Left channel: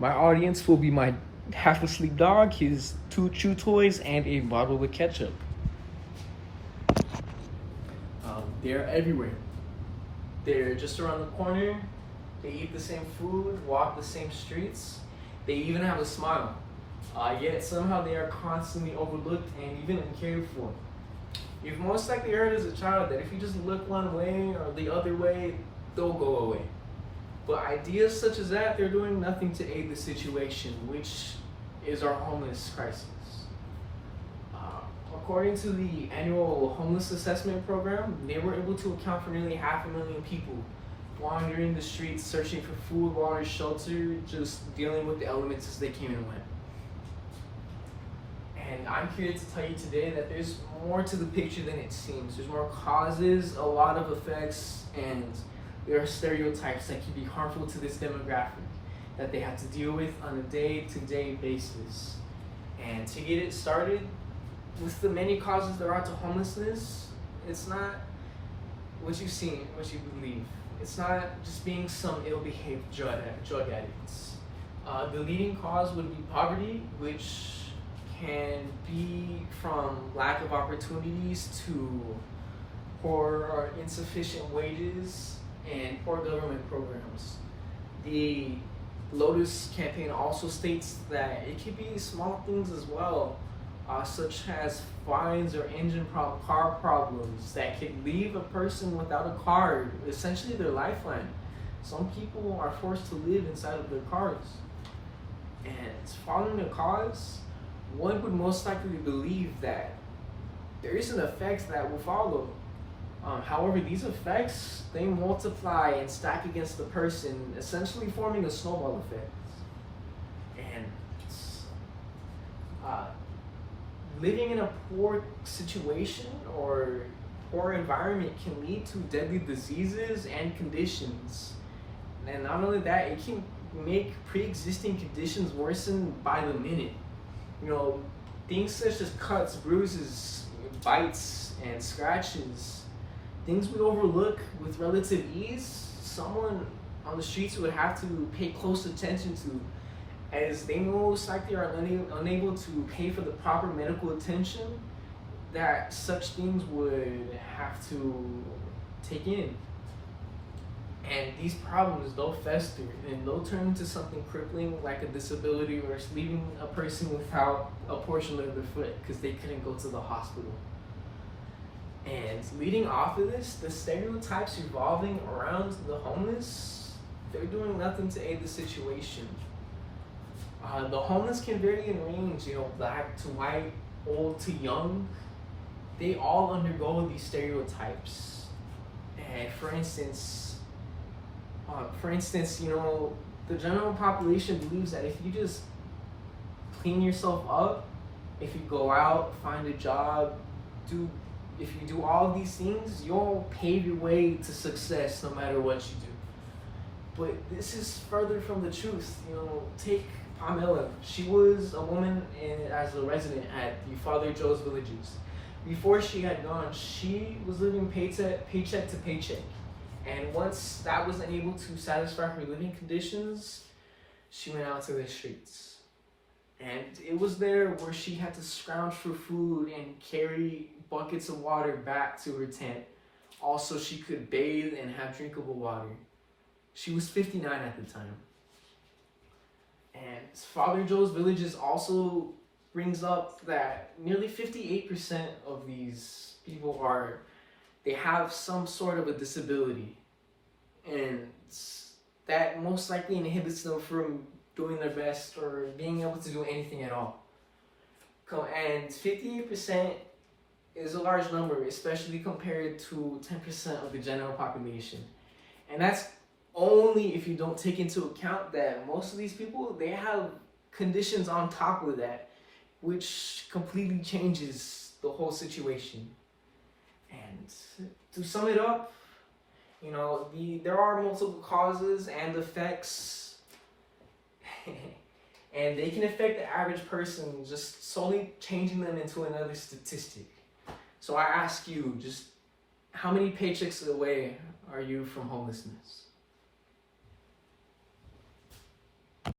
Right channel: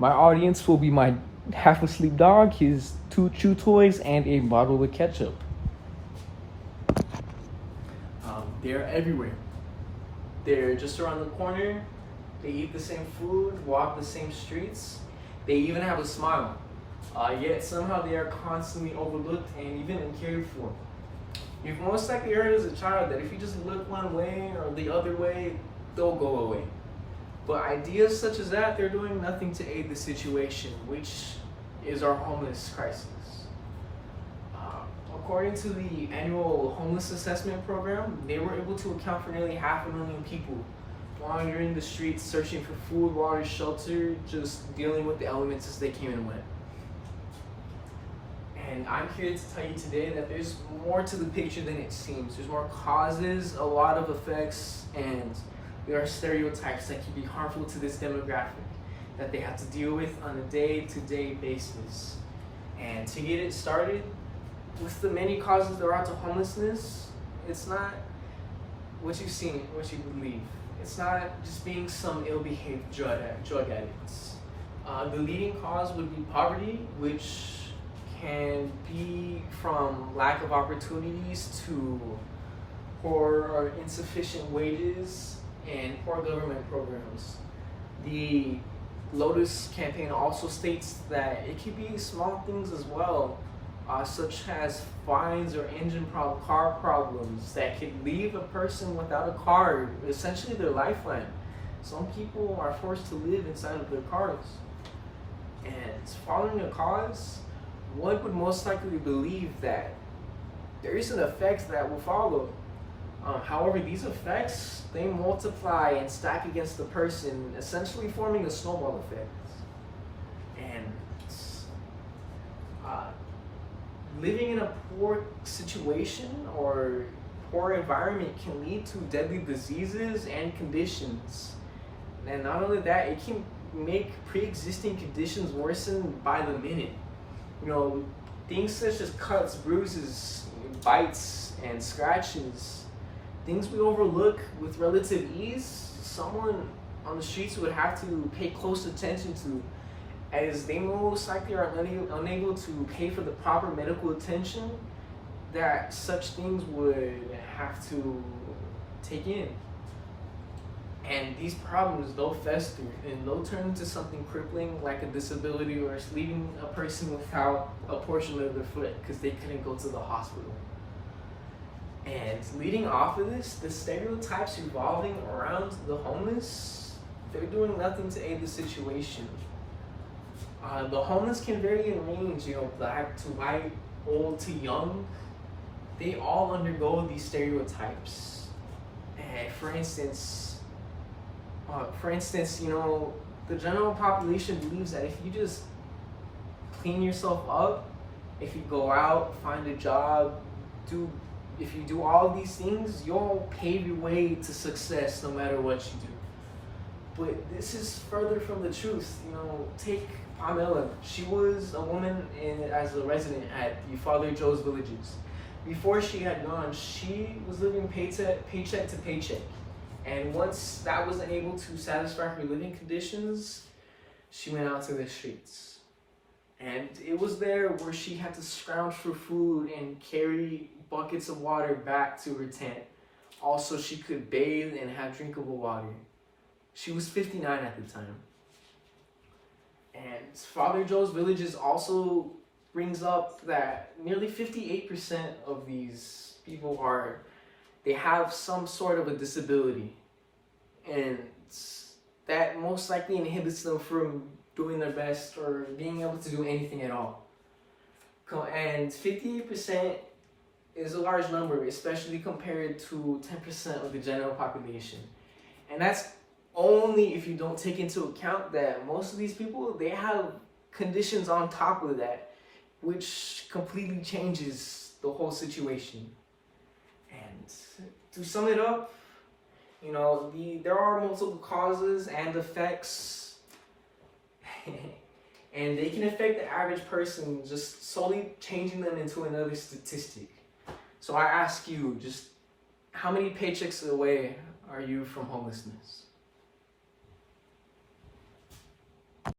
My audience will be my half asleep dog, his two chew toys, and a bottle of ketchup. They're everywhere. They're just around the corner. They eat the same food, walk the same streets. They even have a smile. Yet somehow they are constantly overlooked and even cared for. You've most likely heard as a child that if you just look one way or the other way, they'll go away. But ideas such as that, they're doing nothing to aid the situation, which is our homeless crisis. According to the annual homeless assessment program, they were able to account for nearly 500,000 people wandering the streets, searching for food, water, shelter, just dealing with the elements as they came and went. And I'm here to tell you today that there's more to the picture than it seems. There's more causes, a lot of effects, and there are stereotypes that can be harmful to this demographic that they have to deal with on a day-to-day basis. And to get it started, with the many causes there are to homelessness, it's not what you see, what you believe. It's not just being some ill-behaved drug addicts. The leading cause would be poverty, which can be from lack of opportunities to poor or insufficient wages and poor government programs. The Lotus campaign also states that it could be small things as well, such as fines or car problems that could leave a person without a car, essentially their lifeline. Some people are forced to live inside of their cars. And following a cause, one would most likely believe that there is an effect that will follow. However, these effects, they multiply and stack against the person, essentially forming a snowball effect. And living in a poor situation or poor environment can lead to deadly diseases and conditions. And not only that, it can make pre-existing conditions worsen by the minute. You know, things such as cuts, bruises, bites, and scratches, things we overlook with relative ease, someone on the streets would have to pay close attention to, as they most likely are unable to pay for the proper medical attention that such things would have to take in. And these problems, they'll fester and they'll turn into something crippling like a disability, or leaving a person without a portion of their foot because they couldn't go to the hospital. And leading off of this, the stereotypes revolving around the homeless, they're doing nothing to aid the situation. The homeless can vary in range, black to white, old to young. They all undergo these stereotypes. And for instance, the general population believes that if you just clean yourself up, if you go out, find a job, if you do all of these things, you'll pave your way to success no matter what you do. But this is further from the truth. Take Pamela. She was a woman as a resident at the Father Joe's Villages. Before she had gone, she was living paycheck to paycheck. And once that wasn't able to satisfy her living conditions, she went out to the streets. And it was there where she had to scrounge for food and carry buckets of water back to her tent. Also, she could bathe and have drinkable water. She was 59 at the time. And Father Joe's Villages also brings up that nearly 58% of these people they have some sort of a disability, and that most likely inhibits them from doing their best or being able to do anything at all. And 58% is a large number, especially compared to 10% of the general population. And that's only if you don't take into account that most of these people, they have conditions on top of that, which completely changes the whole situation. And to sum it up, there are multiple causes and effects, and they can affect the average person, just solely changing them into another statistic. So I ask you, just how many paychecks away are you from homelessness?